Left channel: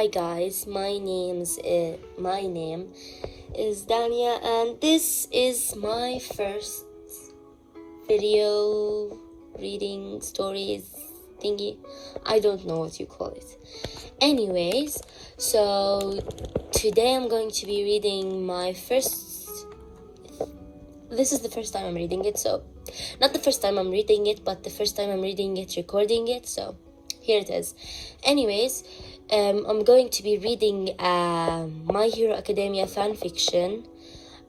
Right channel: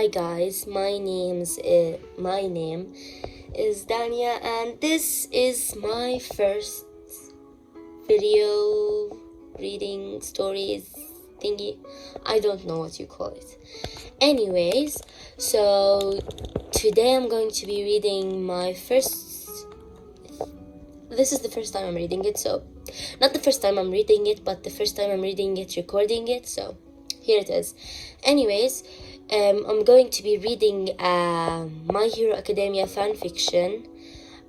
Hi guys, my name is Dania, and this is my first video reading stories thingy. I don't know what you call it. Anyways, so today I'm going to be reading my first. This is the first time I'm reading it, so not the first time I'm reading it, but the first time I'm reading it, recording it. So here it is. Anyways, I'm going to be reading My Hero Academia fanfiction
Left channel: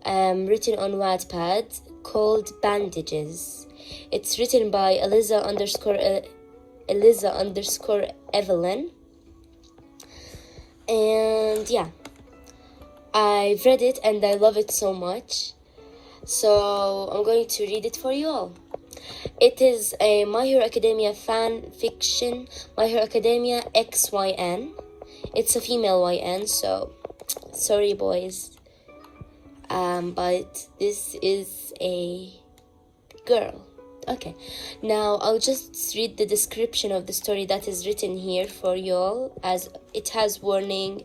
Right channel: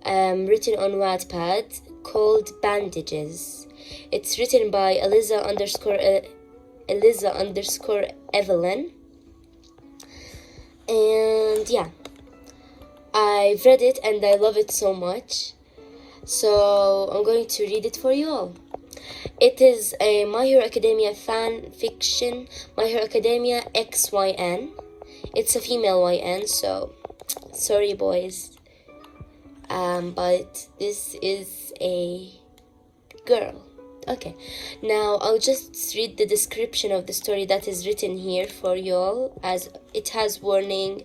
written on Wattpad called Bandages. It's written by Eliza_Evelyn. And yeah, I've read it and I love it so much. So I'm going to read it for you all. It is a My Hero Academia fan fiction, My Hero Academia XYN. It's a female YN, so sorry boys. But this is a girl. Okay, now I'll just read the description of the story that is written here for you all, as it has warning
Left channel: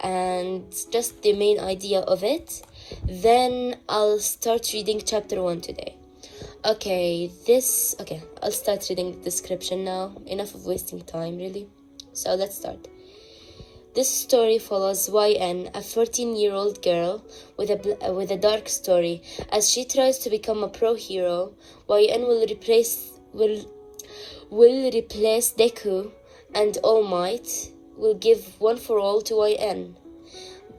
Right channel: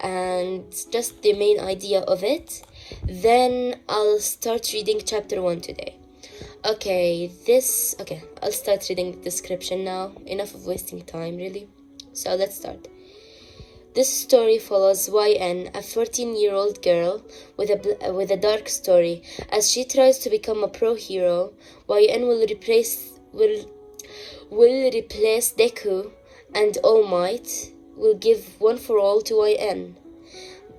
and just the main idea of it. Then I'll start reading chapter 1 today. Okay, I'll start reading the description now. Enough of wasting time, really. So let's start. This story follows YN, a 14-year-old girl with a dark story. As she tries to become a pro hero, YN will replace Deku, and All Might will give one for all to YN.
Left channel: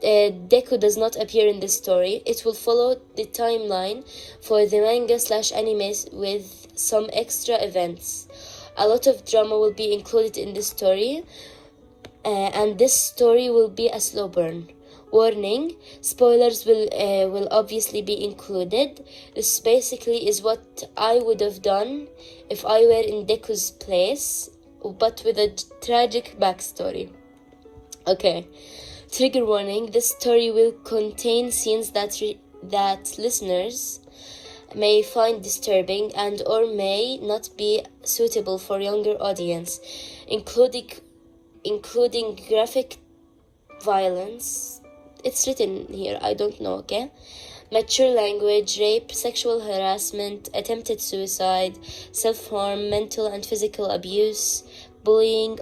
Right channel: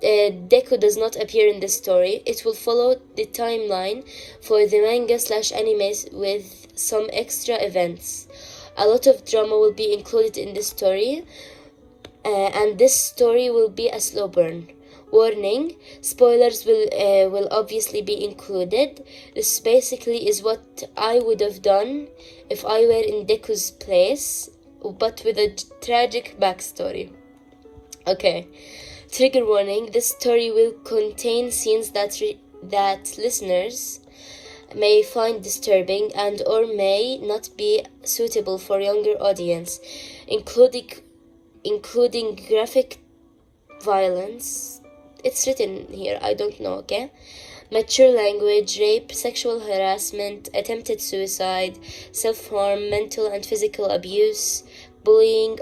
Deku does not appear in the story. It will follow the timeline for the manga/anime with some extra events. A lot of drama will be included in the story, and this story will be a slow burn. Warning: spoilers will obviously be included. This basically is what I would have done if I were in Deku's place, but with a tragic backstory. Okay. Trigger warning: this story will contain scenes that listeners may find disturbing and or may not be suitable for younger audience, including graphic violence. It's written here, I don't know, okay? Mature language, rape, sexual harassment, attempted suicide, self-harm, mental and physical abuse, bullying,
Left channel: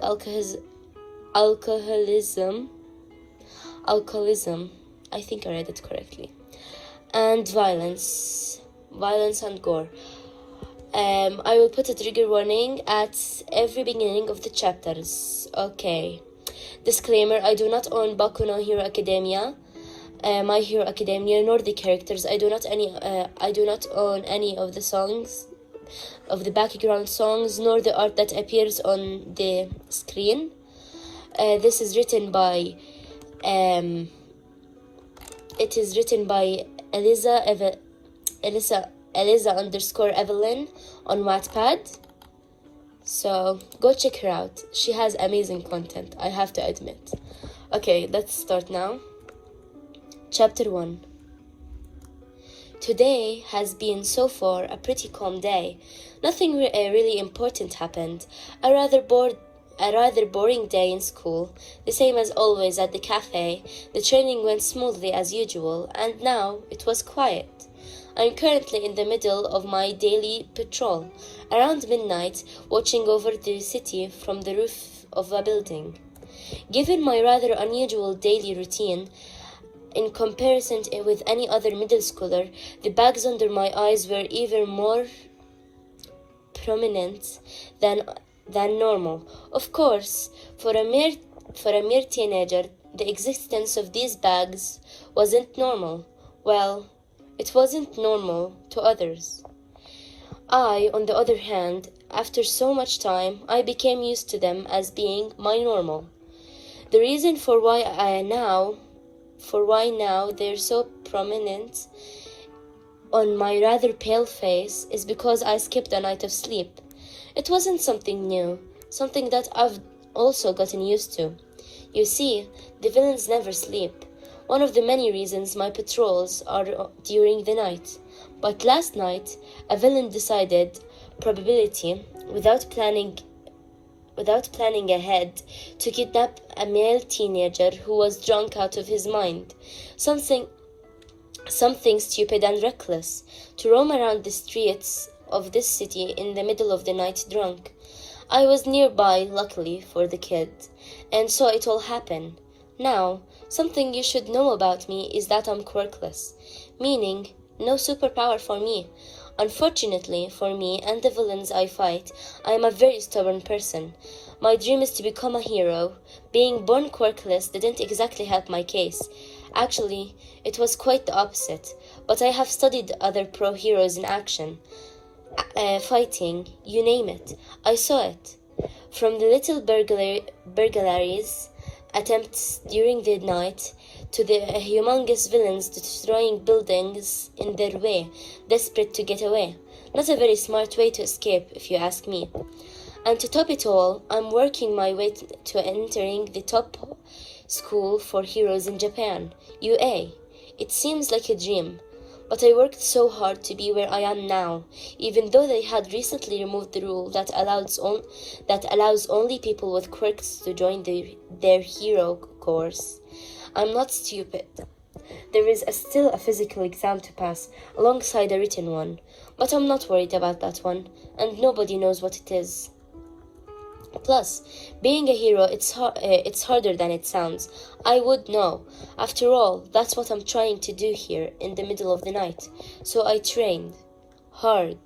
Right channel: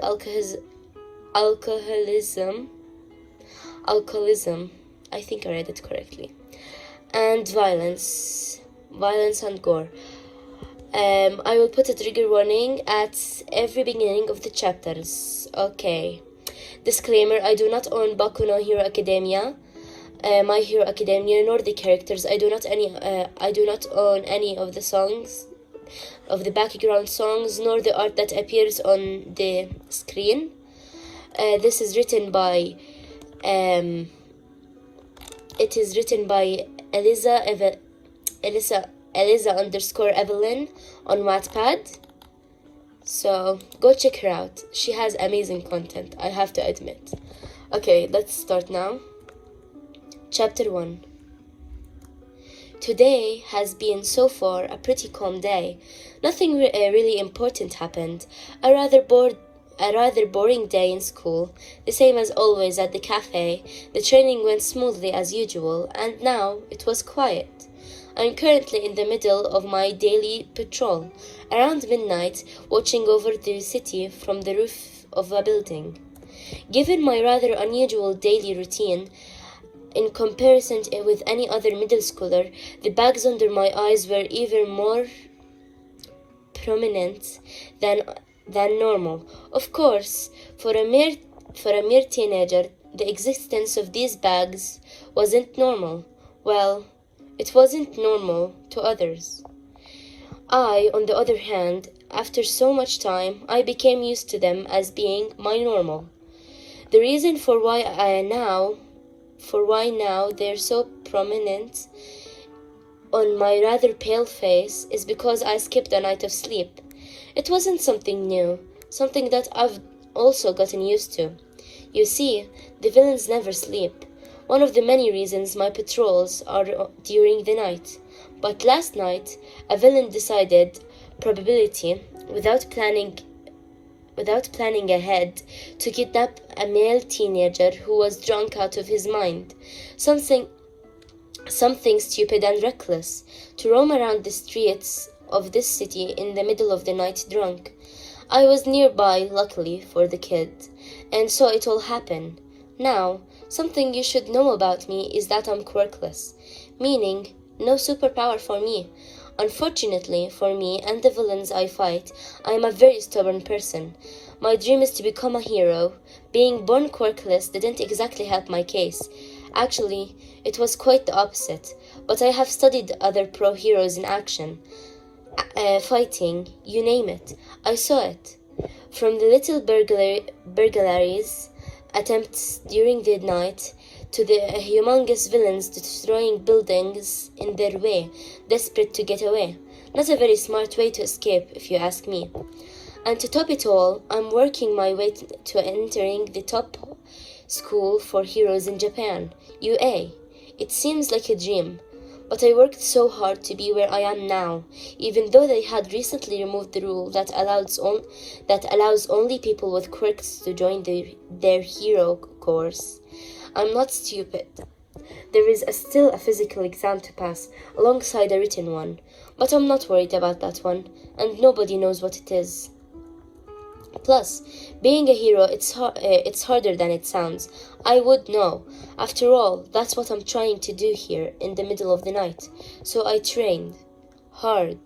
alcoholism, I think I read it correctly, and violence and gore. I will put a trigger warning at every beginning of the chapters. Okay. Disclaimer: I do not own Boku no Hero Academia, My Hero Academia, nor the characters. I do not own any of the songs, of the background songs, nor the art that appears on the screen. This is written by it is written by Eliza_Evelyn on Wattpad. So go check her out. She has amazing content, I have to admit. Okay, let's start now. Chapter 1. Today has been so far a pretty calm day. Nothing really important happened. A rather boring day in school, the same as always at the cafe. The training went smoothly as usual, and now it was quiet. I'm currently in the middle of my daily patrol, around midnight, watching over the city from the roof of a building. Given my rather unusual daily routine, in comparison with any other middle schooler, the bags under my eyes were even more prominent than normal. Of course, for a mere teenager, the existence of these bags wasn't normal. Well, it wasn't normal to others. I, on the other hand, after so much time, I became used to them as being my normal. The reason for why now they're so prominent on my rather pale face is because I skipped a night of sleep. It wasn't something new, something that I've also gotten used to. You see, the villains never sleep. One of the many reasons my patrols are during the night. But last night, a villain decided, probability, without planning without planning ahead, to kidnap a male teenager who was drunk out of his mind. Something stupid and reckless, to roam around the streets of this city in the middle of the night drunk. I was nearby, luckily for the kid, and saw it all happen. Now, something you should know about me is that I'm quirkless, meaning no superpower for me. Unfortunately for me and the villains I fight, I am a very stubborn person. My dream is to become a hero. Being born quirkless didn't exactly help my case. Actually, it was quite the opposite, but I have studied other pro heroes in action. Fighting, you name it. I saw it. From the little burglaries attempts during the night to the humongous villains destroying buildings in their way, desperate to get away. Not a very smart way to escape, if you ask me. And to top it all, I'm working my way to entering the top school for heroes in Japan, UA. It seems like a dream, but I worked so hard to be where I am now, even though they had recently removed the rule that allows only people with quirks to join their hero course. I'm not stupid. There is still a physical exam to pass, alongside a written one, but I'm not worried about that one, and nobody knows what it is. Plus, being a hero, it's harder than it sounds. I would know. After all, that's what I'm trying to do here in the middle of the night. So I trained hard,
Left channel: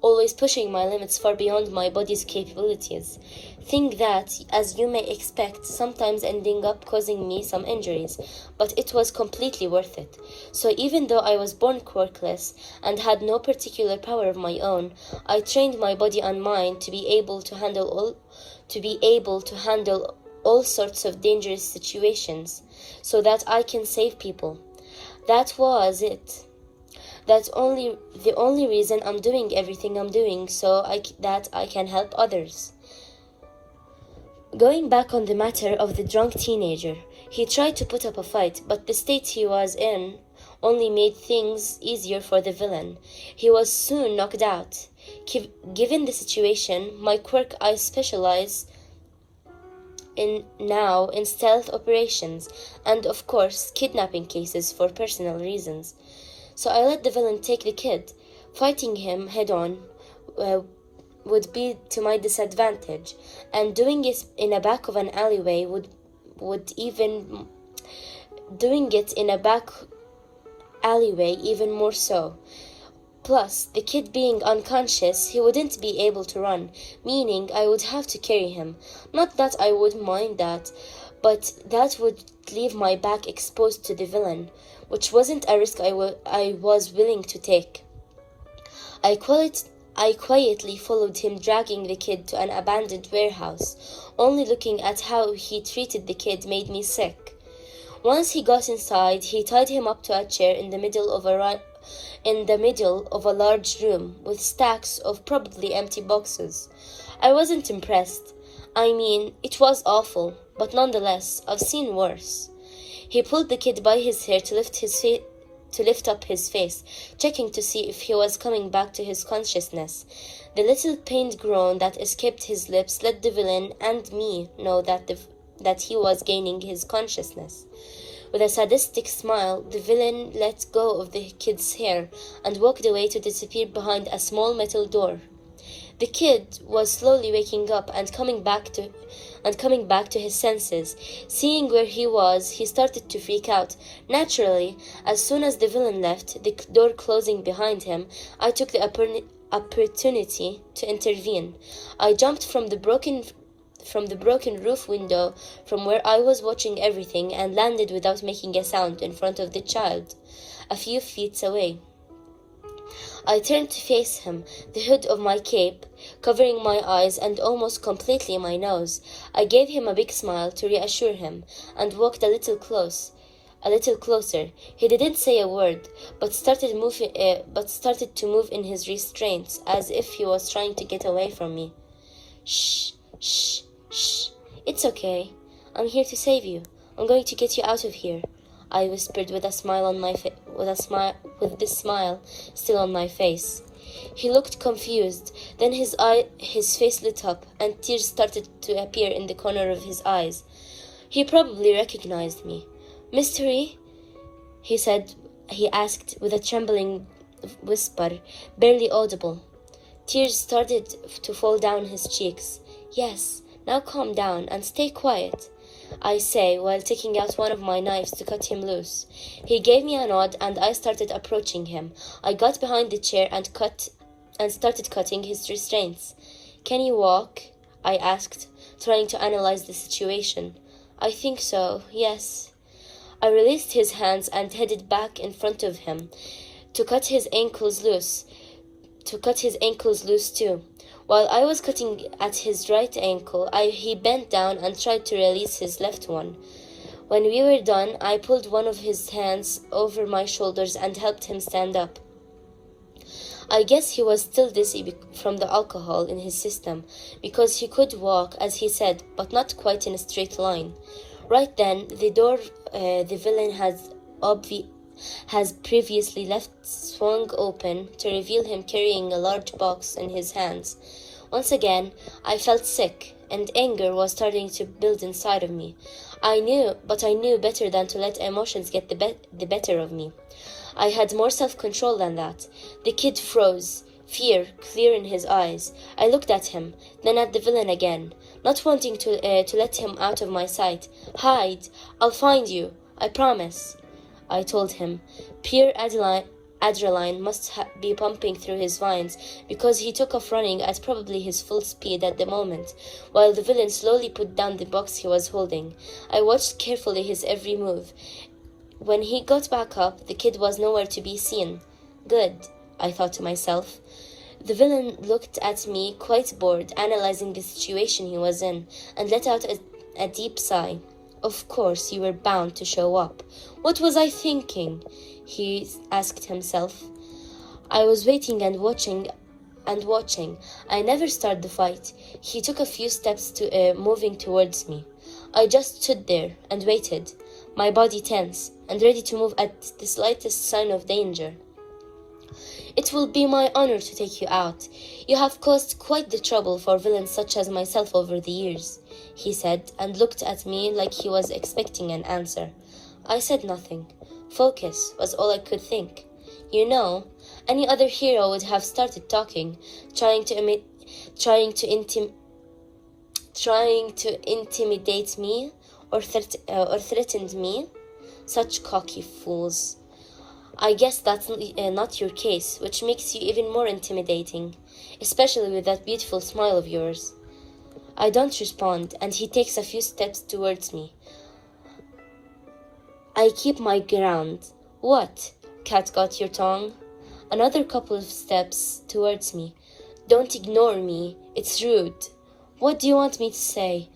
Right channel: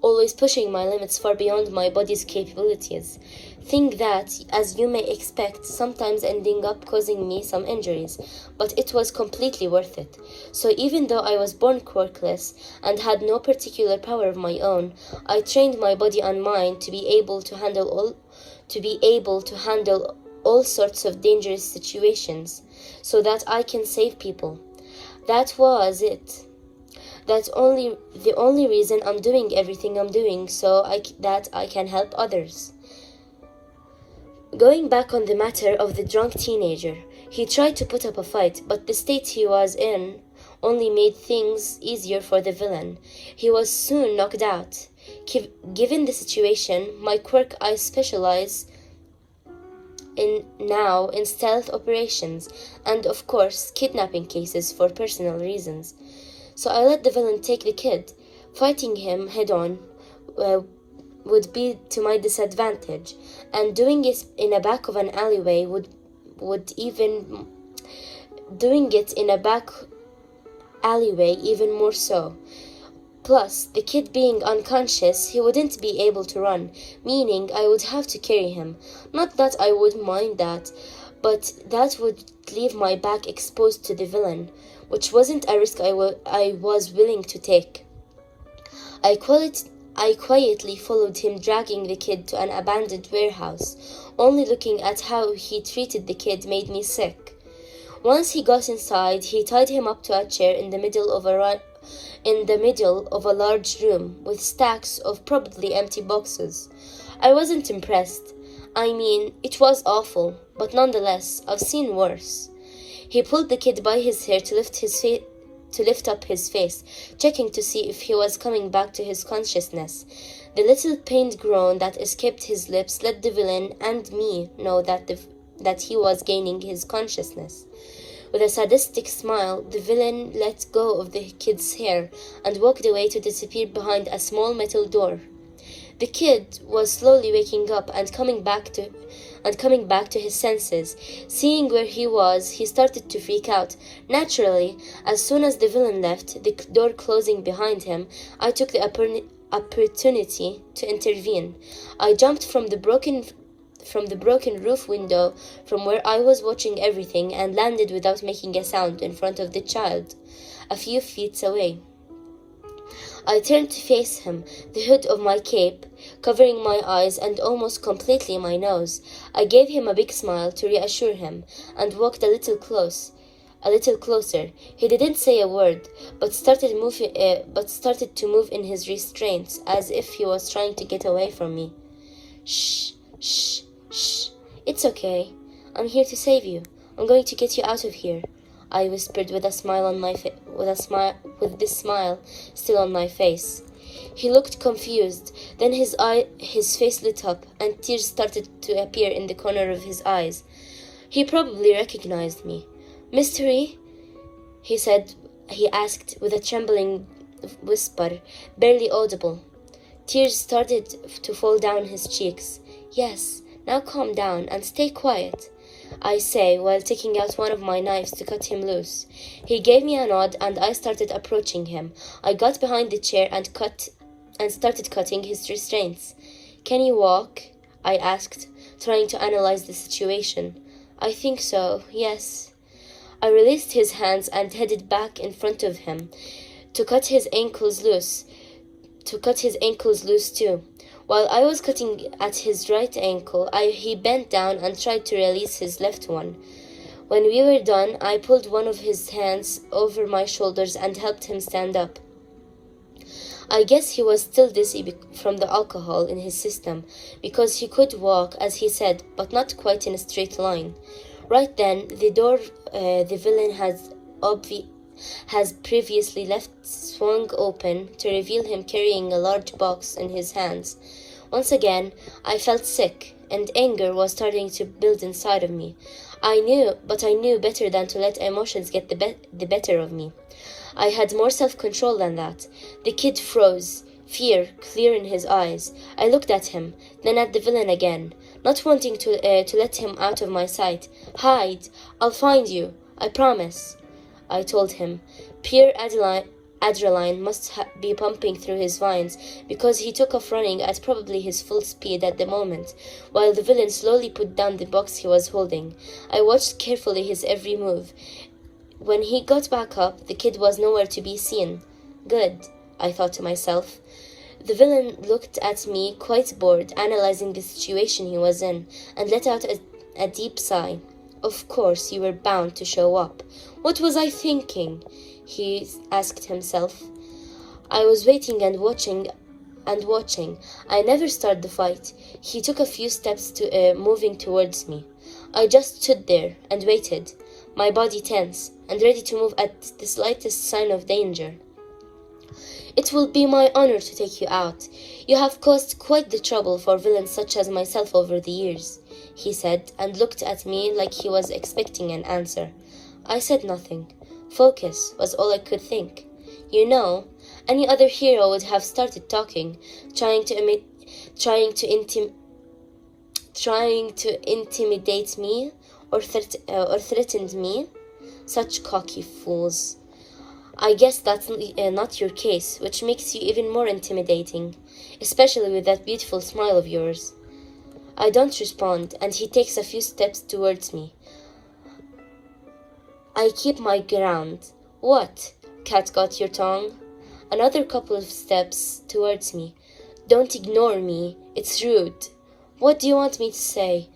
always pushing my limits far beyond my body's capabilities. Thing that, as you may expect, sometimes ending up causing me some injuries, but it was completely worth it. So even though I was born quirkless and had no particular power of my own, I trained my body and mind to be able to handle all sorts of dangerous situations, so that I can save people. That was it. That's the only reason I'm doing everything I'm doing, that I can help others. Going back on the matter of the drunk teenager, he tried to put up a fight, but the state he was in only made things easier for the villain. He was soon knocked out. Given the situation, my quirk, I specialize in stealth operations and, of course, kidnapping cases for personal reasons. So I let the villain take the kid. Fighting him head-on would be to my disadvantage, and doing it in a back of an alleyway even more so. Plus, the kid being unconscious, he wouldn't be able to run, meaning I would have to carry him. Not that I would mind that, but that would leave my back exposed to the villain, which wasn't a risk I was willing to take. I quietly followed him, dragging the kid to an abandoned warehouse. Only looking at how he treated the kid made me sick. Once he got inside, he tied him up to a chair in the middle of a large room with stacks of probably empty boxes. I wasn't impressed. I mean, it was awful, but nonetheless, I've seen worse. He pulled the kid by his hair to lift up his face, checking to see if he was coming back to his consciousness. The little pained groan that escaped his lips let the villain and me know that he was gaining his consciousness. With a sadistic smile, the villain let go of the kid's hair and walked away to disappear behind a small metal door. The kid was slowly waking up and coming back to his senses. Seeing where he was, he started to freak out. Naturally, as soon as the villain left, the door closing behind him, I took the opportunity to intervene. I jumped from the broken roof window from where I was watching everything and landed without making a sound in front of the child, a few feet away. I turned to face him, the hood of my cape covering my eyes and almost completely my nose. I gave him a big smile to reassure him and walked a little closer. He didn't say a word, but started to move in his restraints as if he was trying to get away from me. Shh, shh, shh. It's okay. I'm here to save you. I'm going to get you out of here, I whispered with this smile still on my face. He looked confused. Then his face lit up, and tears started to appear in the corner of his eyes. He probably recognized me. "Mystery?" he said. He asked with a trembling whisper, barely audible. Tears started to fall down his cheeks. "Yes, now calm down and stay quiet," I say, while taking out one of my knives to cut him loose. He gave me a nod, and I started approaching him. I got behind the chair and started cutting his restraints. "Can you walk?" I asked, trying to analyze the situation. "I think so, yes." I released his hands and headed back in front of him to cut his ankles loose too. While I was cutting at his right ankle, he bent down and tried to release his left one. When we were done, I pulled one of his hands over my shoulders and helped him stand up. I guess he was still dizzy from the alcohol in his system, because he could walk, as he said, but not quite in a straight line. Right then, the door the villain has previously left swung open to reveal him carrying a large box in his hands. Once again, I felt sick, and anger was starting to build inside of me. I knew better than to let emotions get the better of me. I had more self-control than that. The kid froze, fear clear in his eyes. I looked at him, then at the villain again, not wanting to let him out of my sight. "Hide! I'll find you, I promise," I told him. Pure adrenaline must be pumping through his veins, because he took off running at probably his full speed at the moment, while the villain slowly put down the box he was holding. I watched carefully his every move. When he got back up, the kid was nowhere to be seen. Good, I thought to myself. The villain looked at me, quite bored, analyzing the situation he was in, and let out a deep sigh. "Of course you were bound to show up. What was I thinking?" he asked himself. I was waiting and watching. I never started the fight. He took a few steps to moving towards me. I just stood there and waited, my body tense and ready to move at the slightest sign of danger. "It will be my honor to take you out. You have caused quite the trouble for villains such as myself over the years," he said, and looked at me like he was expecting an answer. I said nothing. Focus was all I could think. You know, any other hero would have started talking, trying to intimidate me or threatened me. Such cocky fools. I guess that's not your case, which makes you even more intimidating, especially with that beautiful smile of yours. I don't respond, and he takes a few steps towards me. I keep my ground. "What? Cat got your tongue?" Another couple of steps towards me. "Don't ignore me. It's rude." "What do you want me to say?"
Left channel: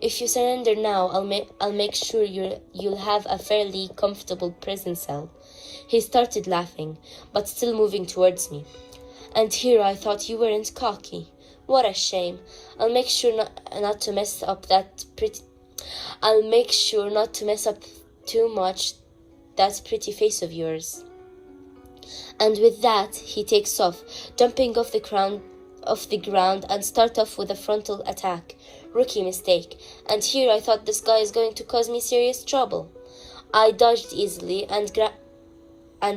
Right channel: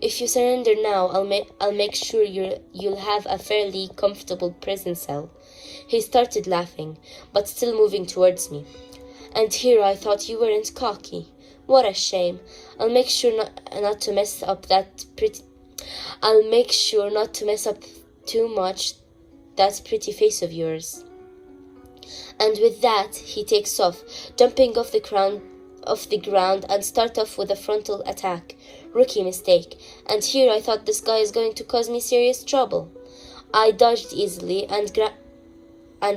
If you surrender now, I'll make sure you'll have a fairly comfortable prison cell." He started laughing, but still moving towards me. "And here I thought you weren't cocky. What a shame. I'll make sure not to mess up too much that pretty face of yours." And with that, he takes off, jumping off the ground and start off with a frontal attack. Rookie mistake. And here I thought this guy is going to cause me serious trouble. I dodged easily and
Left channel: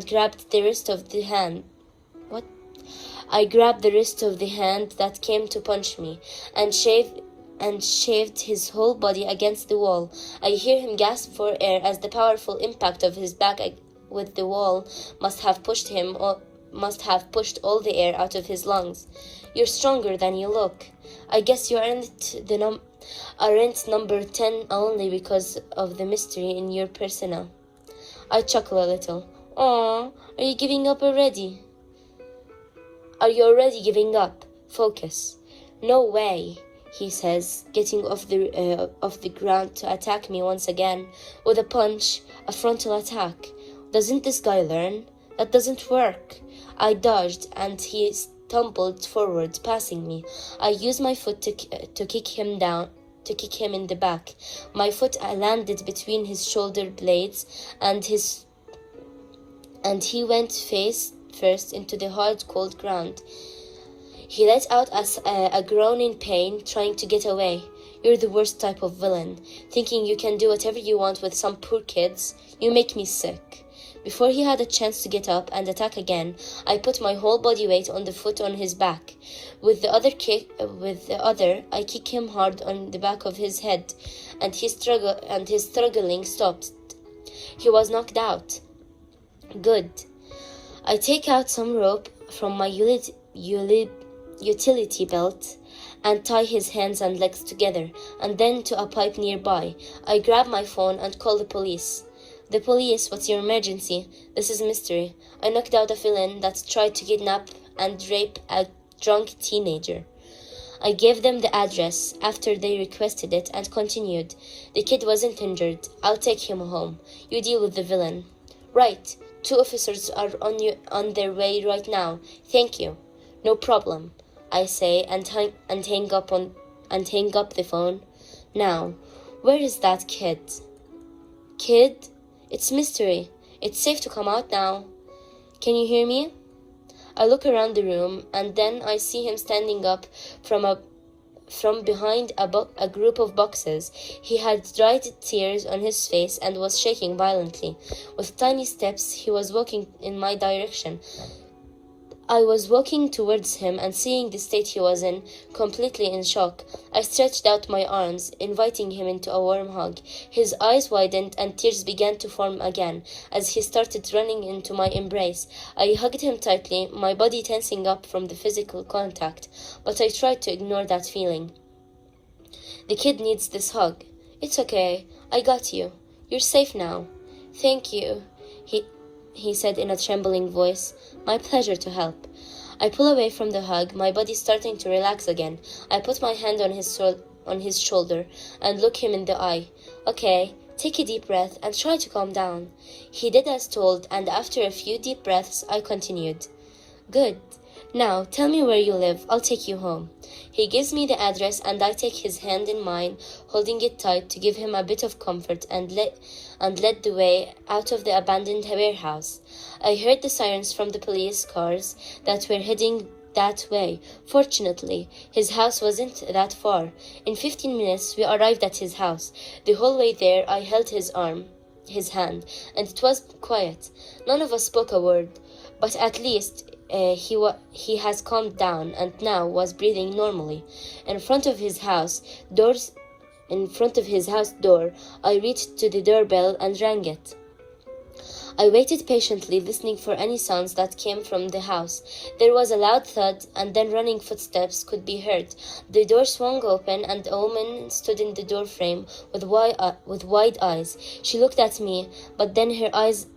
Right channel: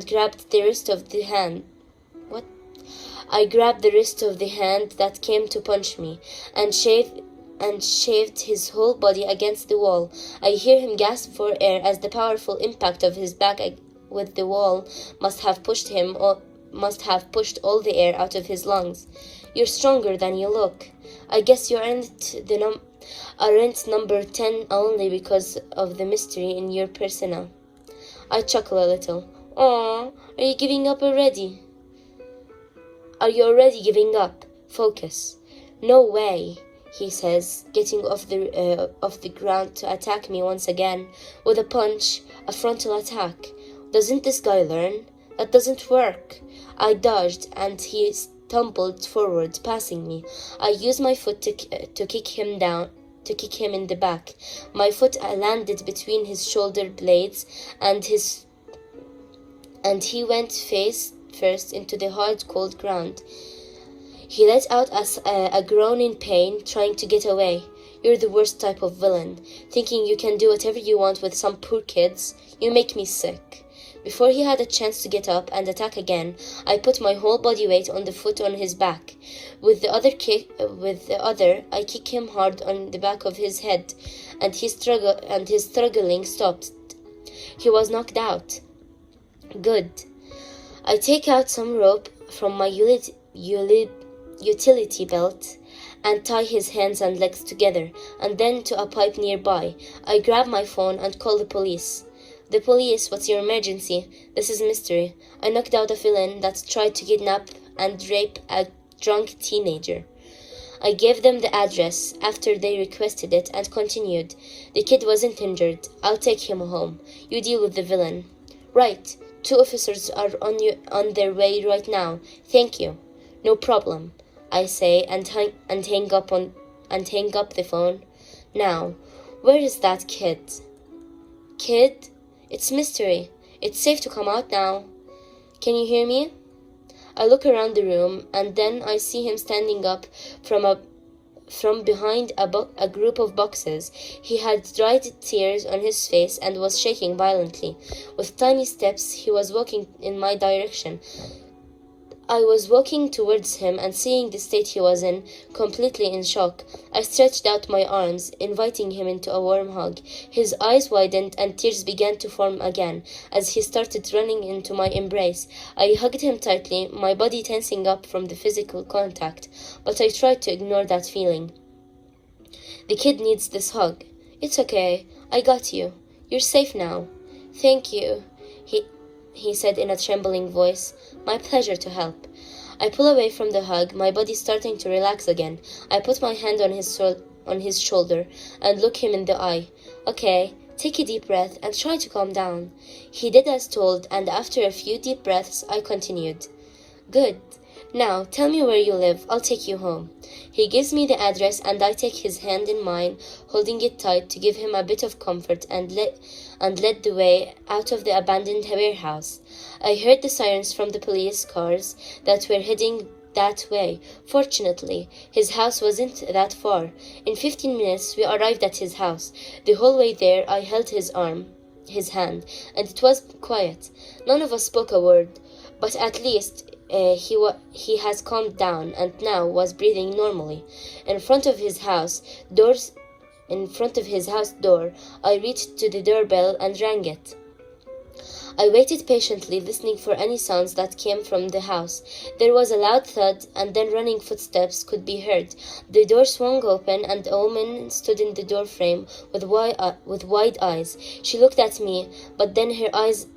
grabbed the wrist of the hand. I grabbed the wrist of the hand that came to punch me, and shaved his whole body against the wall. I hear him gasp for air as the powerful impact of his back with the wall must have pushed all the air out of his lungs. "You're stronger than you look. I guess you aren't number 10 only because of the mystery in your persona." I chuckle a little. "Aw, are you giving up already?" "Are you already giving up? Focus." "No way," he says, getting off the ground to attack me once again with a punch, a frontal attack. Doesn't this guy learn? That doesn't work. I dodged, and he stumbled forward, passing me. I used my foot to kick him in the back. My foot landed between his shoulder blades, and he went face first into the hard, cold ground. He let out a groan in pain, trying to get away. You're the worst type of villain, thinking you can do whatever you want with some poor kids. You make me sick. Before he had a chance to get up and attack again, I put my whole body weight on the foot on his back. With the other, I kick him hard on the back of his head, and his struggling stopped. He was knocked out. Good. I take out some rope from my utility belt and tie his hands and legs together, and then to a pipe nearby. I grab my phone and call the police. The police, what's your emergency? This is Mystery. I knocked out a villain that tried to kidnap and rape a drunk teenager. I gave them the address after they requested it and continued. The kid wasn't injured. I'll take him home. You deal with the villain. Right. 2 officers are on their way right now. Thank you. No problem, I say and hang up the phone. Now, where is that kid? Kid? It's Mystery. It's safe to come out now. Can you hear me? I look around the room, and then I see him standing up from behind a group of boxes. He had dried tears on his face and was shaking violently. With tiny steps, he was walking in my direction. I was walking towards him, and seeing the state he was in, completely in shock, I stretched out my arms, inviting him into a warm hug. His eyes widened, and tears began to form again as he started running into my embrace. I hugged him tightly, my body tensing up from the physical contact, but I tried to ignore that feeling. The kid needs this hug. It's okay. I got you. You're safe now. Thank you, he said in a trembling voice. My pleasure to help. I pull away from the hug, my body starting to relax again. I put my hand on his shoulder and look him in the eye. Okay, take a deep breath and try to calm down. He did as told, and after a few deep breaths, I continued. Good. Now, tell me where you live. I'll take you home. He gives me the address, and I take his hand in mine, holding it tight to give him a bit of comfort, and led the way out of the abandoned warehouse. I heard the sirens from the police cars that were heading that way. Fortunately, his house wasn't that far. In 15 minutes, we arrived at his house. The whole way there, I held his hand, and it was quiet. None of us spoke a word, but at least he has calmed down and now was breathing normally. In front of his house door, I reached to the doorbell and rang it. I waited patiently, listening for any sounds that came from the house. There was a loud thud, and then running footsteps could be heard. The door swung open, and a woman stood in the doorframe with wide eyes. She looked at me, but then her eyes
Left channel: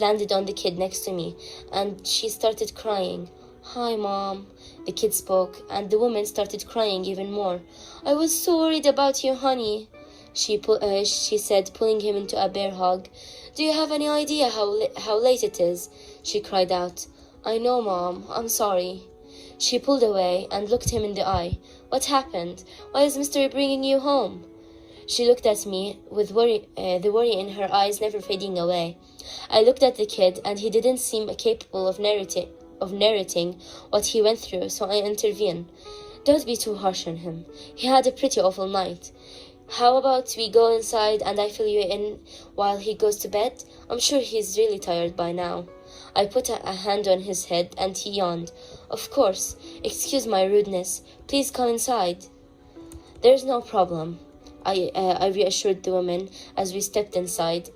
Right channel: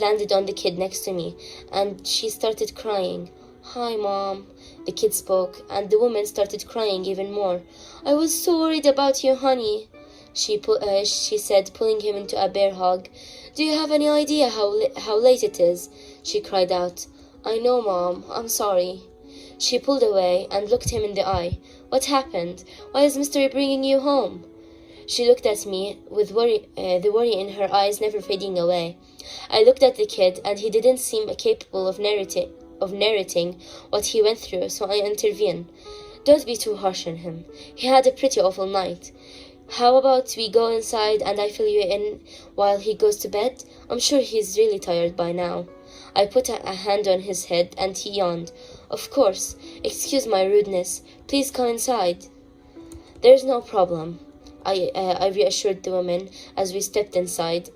landed on the kid next to me, and she started crying. Hi, Mom, the kid spoke, and the woman started crying even more. I was so worried about you, honey, she said, pulling him into a bear hug. Do you have any idea how late it is? She cried out. I know, Mom. I'm sorry. She pulled away and looked him in the eye. What happened? Why is Mystery bringing you home? She looked at me with the worry in her eyes never fading away. I looked at the kid, and he didn't seem capable of narrating what he went through, so I intervened. Don't be too harsh on him. He had a pretty awful night. How about we go inside and I fill you in while he goes to bed? I'm sure he's really tired by now. I put a hand on his head, and he yawned. Of course. Excuse my rudeness. Please come inside. There's no problem, I reassured the woman as we stepped inside.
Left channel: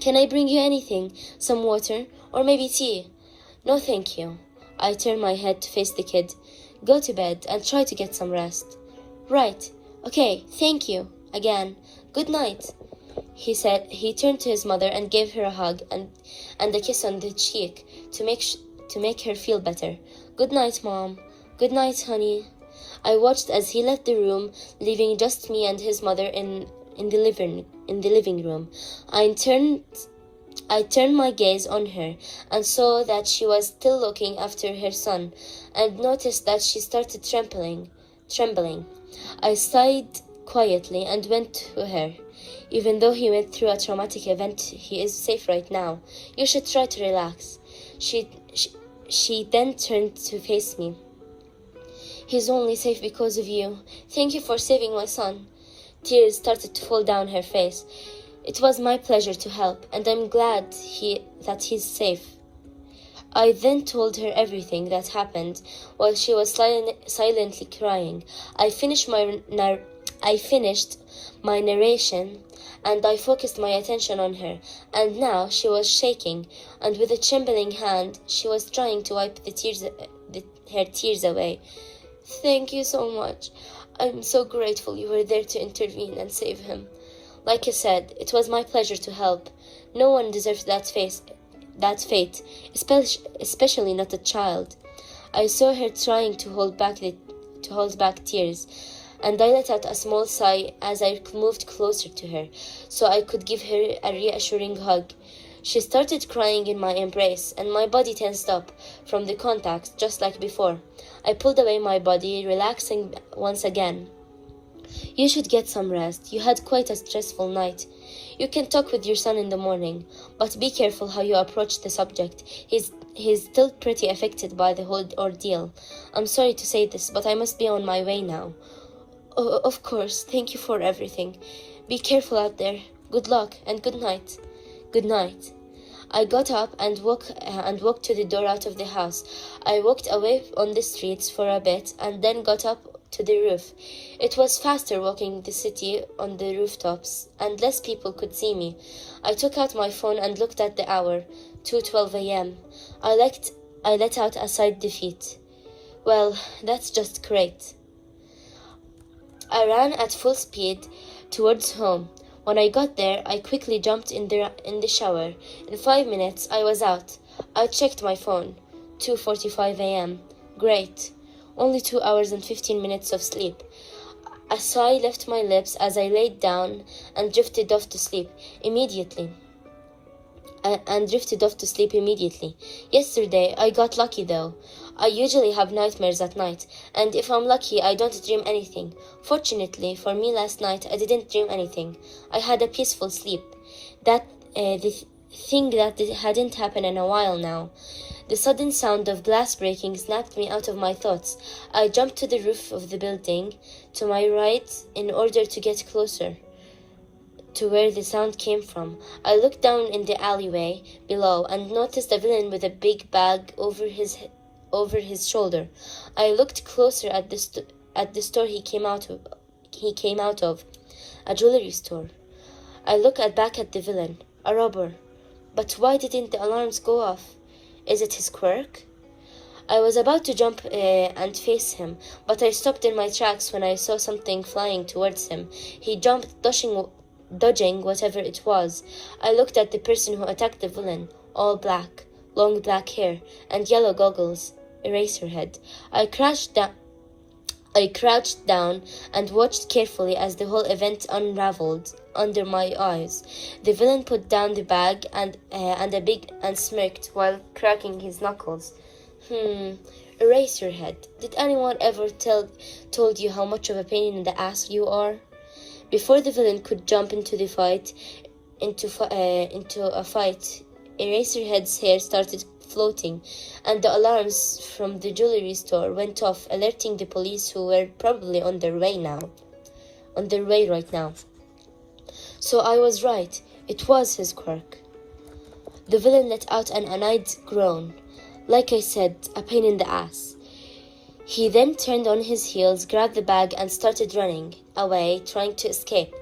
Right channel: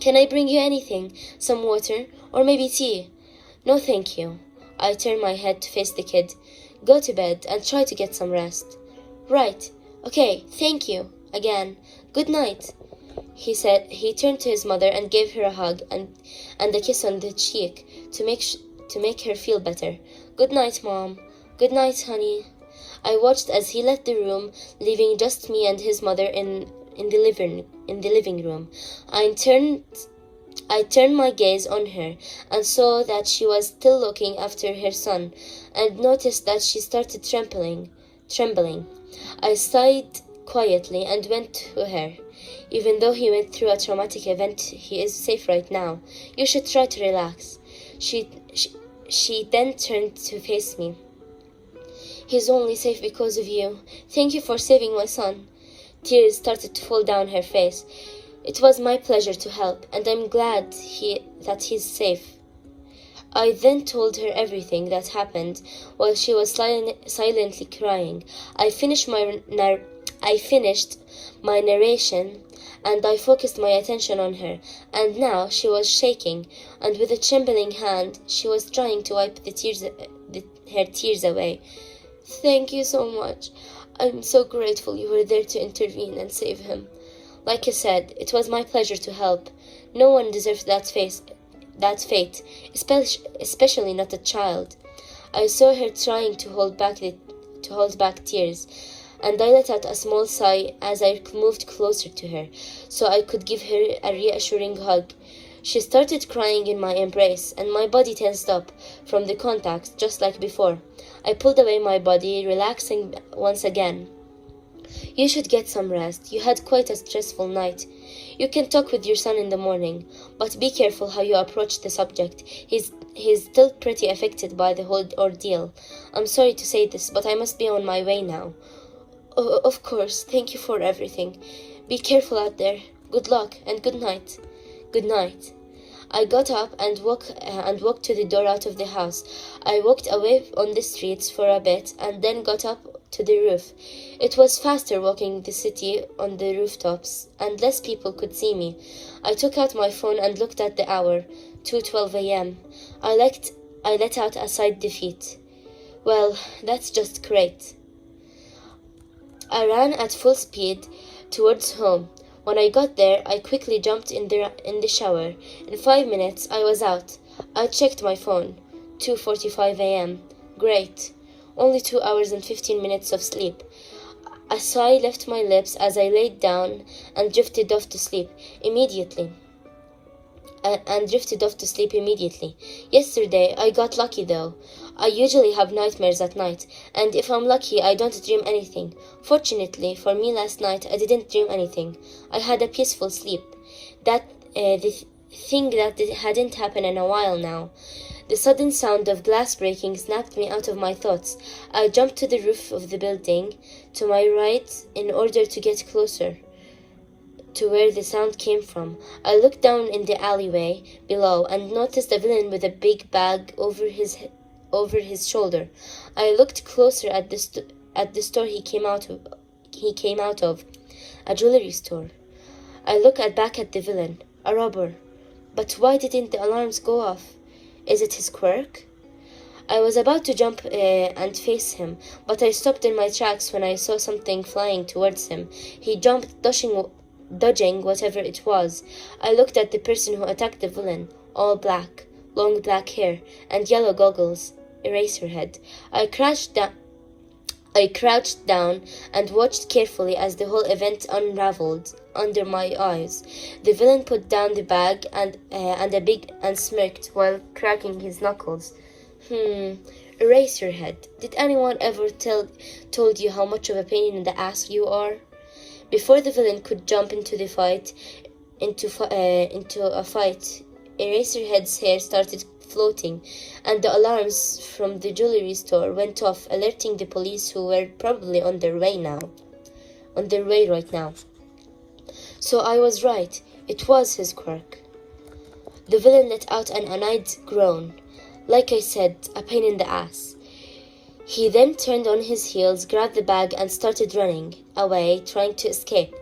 Can I bring you anything? Some water? Or maybe tea? No, thank you. I turned my head to face the kid. Go to bed and try to get some rest. Right. Okay, thank you. Again. Good night, he said. He turned to his mother and gave her a hug and a kiss on the cheek to make her feel better. Good night, Mom. Good night, honey. I watched as he left the room, leaving just me and his mother in the living room. I turned my gaze on her and saw that she was still looking after her son, and noticed that she started trembling. I sighed quietly and went to her. Even though he went through a traumatic event, he is safe right now. You should try to relax. She, she, she then turned to face me. "He's only safe because of you. Thank you for saving my son." Tears started to fall down her face. "It was my pleasure to help, and I'm glad that he's safe." I then told her everything that happened while she was silently crying. I finished my narration, and I focused my attention on her. And now she was shaking, and with a trembling hand, she was trying to wipe her tears away. "Thank you so much. I'm so grateful you were there to intervene and save him. Like I said, it was my pleasure to help. No one deserves that fate, especially not a child." I saw her trying to hold back tears, and I let out a small sigh as I moved closer to her, so I could give her a reassuring hug. She started crying in my embrace, and my body tensed up from the contact, just like before. I pulled away my body, relaxing once again. "You should get some rest. You had quite a stressful night. You can talk with your son in the morning, but be careful how you approach the subject. He's still pretty affected by the whole ordeal. I'm sorry to say this, but I must be on my way now." "Oh, of course. Thank you for everything. Be careful out there. Good luck and good night." "Good night." I got up and walked to the door out of the house. I walked away on the streets for a bit and then got up to the roof. It was faster walking the city on the rooftops, and less people could see me. I took out my phone and looked at the hour, 2:12 a.m. I let out a sigh of defeat. Well, that's just great. I ran at full speed towards home. When I got there, I quickly jumped in the shower. In 5 minutes, I was out. I checked my phone. 2:45 a.m. Great. Only 2 hours and 15 minutes of sleep. A sigh left my lips as I laid down and drifted off to sleep immediately. Yesterday, I got lucky though. I usually have nightmares at night, and if I'm lucky, I don't dream anything. Fortunately for me, last night I didn't dream anything. I had a peaceful sleep. The thing that hadn't happened in a while now. The sudden sound of glass breaking snapped me out of my thoughts. I jumped to the roof of the building to my right in order to get closer to where the sound came from. I looked down in the alleyway below and noticed a villain with a big bag over his shoulder. I looked closer at the store he came out of, a jewelry store. I looked back at the villain, a robber. But why didn't the alarms go off? Is it his quirk? I was about to jump and face him, but I stopped in my tracks when I saw something flying towards him. He jumped, dodging whatever it was. I looked at the person who attacked the villain, all black, long black hair, and yellow goggles, Eraserhead. I crouched down and watched carefully as the whole event unraveled under my eyes. The villain put down the bag and smirked while cracking his knuckles. Eraserhead, did anyone ever told you how much of a pain in the ass you are? Before the villain could jump into a fight, Eraserhead's hair started floating, and the alarms from the jewelry store went off, alerting the police, who were probably on their way right now. So I was right. It was his quirk. The villain let out an annoyed groan. Like I said, a pain in the ass. He then turned on his heels, grabbed the bag, and started running away, trying to escape.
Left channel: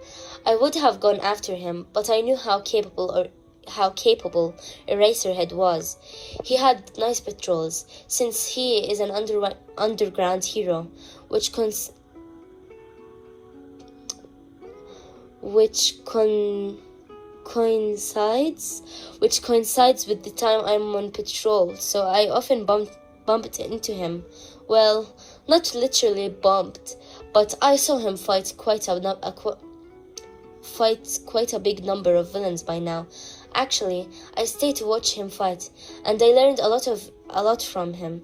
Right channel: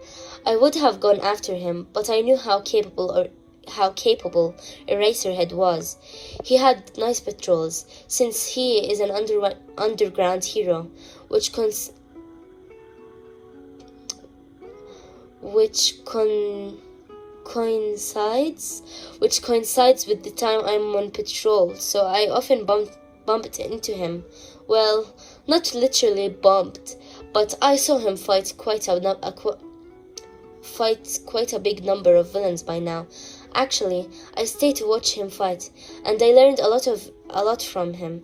I would have gone after him, but I knew how capable Eraserhead was. He had nice patrols, since he is an underground hero, which coincides with the time I'm on patrol, so I often bumped into him. Well, not literally bumped, but I saw him fight quite a big number of villains by now. Actually, I stayed to watch him fight, and I learned a lot from him.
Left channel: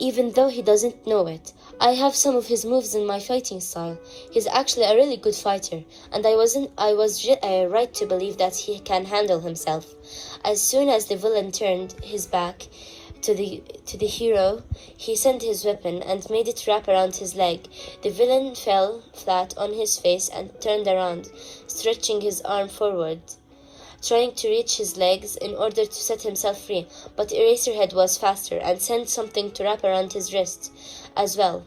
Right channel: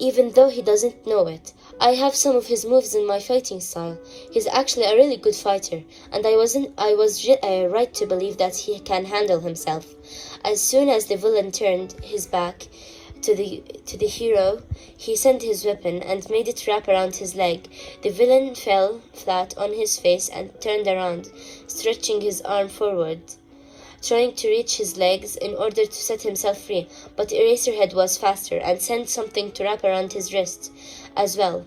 Even though he doesn't know it, I have some of his moves in my fighting style. He's actually a really good fighter, and I was right to believe that he can handle himself. As soon as the villain turned his back to the hero, he sent his weapon and made it wrap around his leg. The villain fell flat on his face and turned around, stretching his arm forward, trying to reach his legs in order to set himself free, but Eraserhead was faster and sent something to wrap around his wrist as well.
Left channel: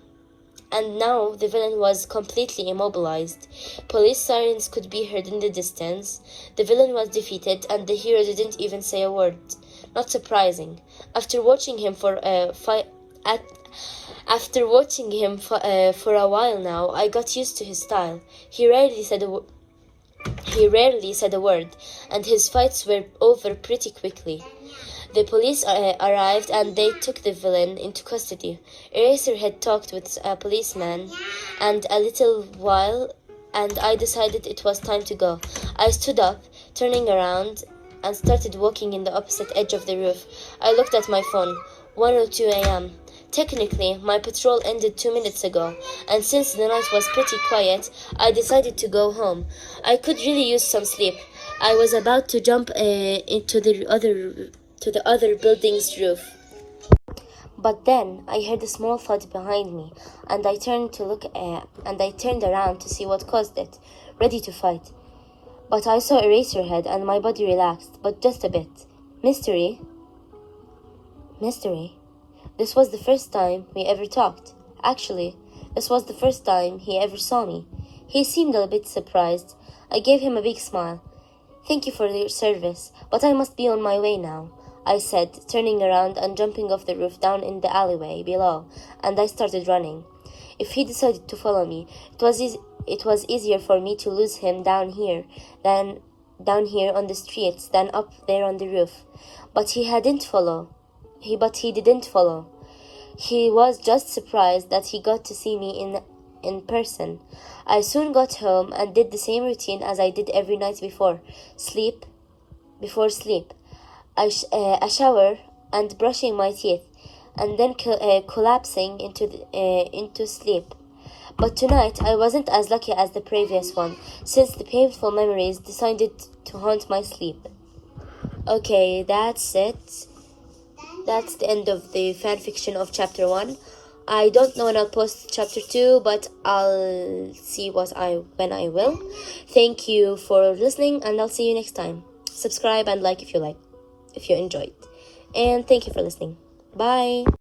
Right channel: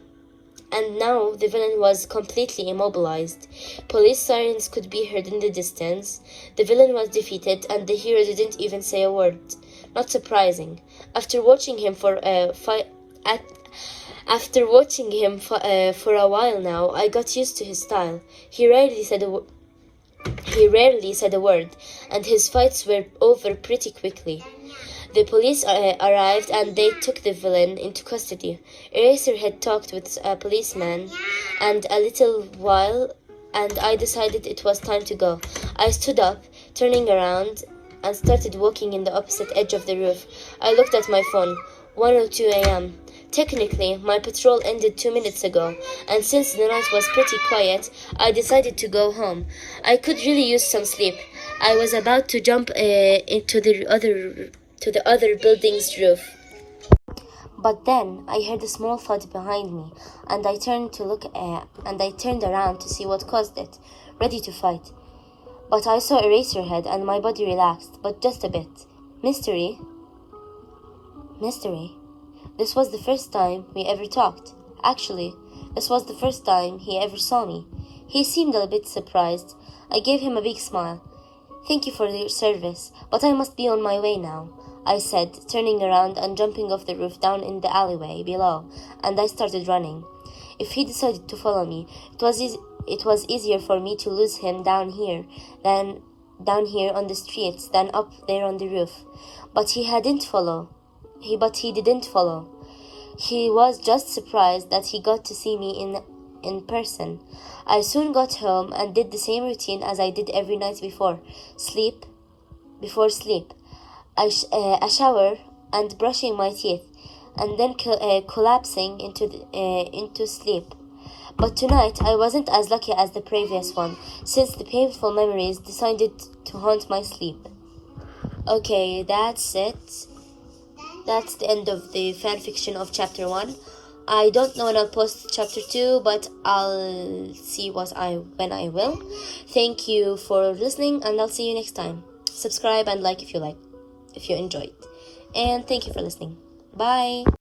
And now the villain was completely immobilized. Police sirens could be heard in the distance. The villain was defeated, and the hero didn't even say a word. Not surprising. After watching him for a while now, I got used to his style. He rarely said a word, and his fights were over pretty quickly. The police arrived and they took the villain into custody. Eraserhead talked with a policeman and a little while, and I decided it was time to go. I stood up, turning around, and started walking in the opposite edge of the roof. I looked at my phone. 1:02 a.m. Technically, my patrol ended 2 minutes ago, and since the night was pretty quiet, I decided to go home. I could really use some sleep. I was about to jump into the other building's roof. But then I heard a small thud behind me, and I turned around to see what caused it, ready to fight. But I saw Eraserhead and my body relaxed, but just a bit. Mystery. This was the first time we ever talked. Actually, this was the first time he ever saw me. He seemed a bit surprised. I gave him a big smile. "Thank you for your service, but I must be on my way now," I said, turning around and jumping off the roof down in the alleyway below, and I started running. If he decided to follow me, it was easier for me to lose him down here on the streets than up there on the roof. But he didn't follow. He was just surprised that he got to see me in person. I soon got home and did the same routine as I did every night before sleep, a shower and brushing my teeth, and then collapsing into sleep. But tonight I wasn't as lucky as the previous one, since the painful memories decided to haunt my sleep. Okay, that's it. That's the end of the fanfiction of chapter 1. I don't know when I'll post chapter 2, but I'll see when I will. Thank you for listening, and I'll see you next time. Subscribe and like if you enjoyed. And thank you for listening. Bye.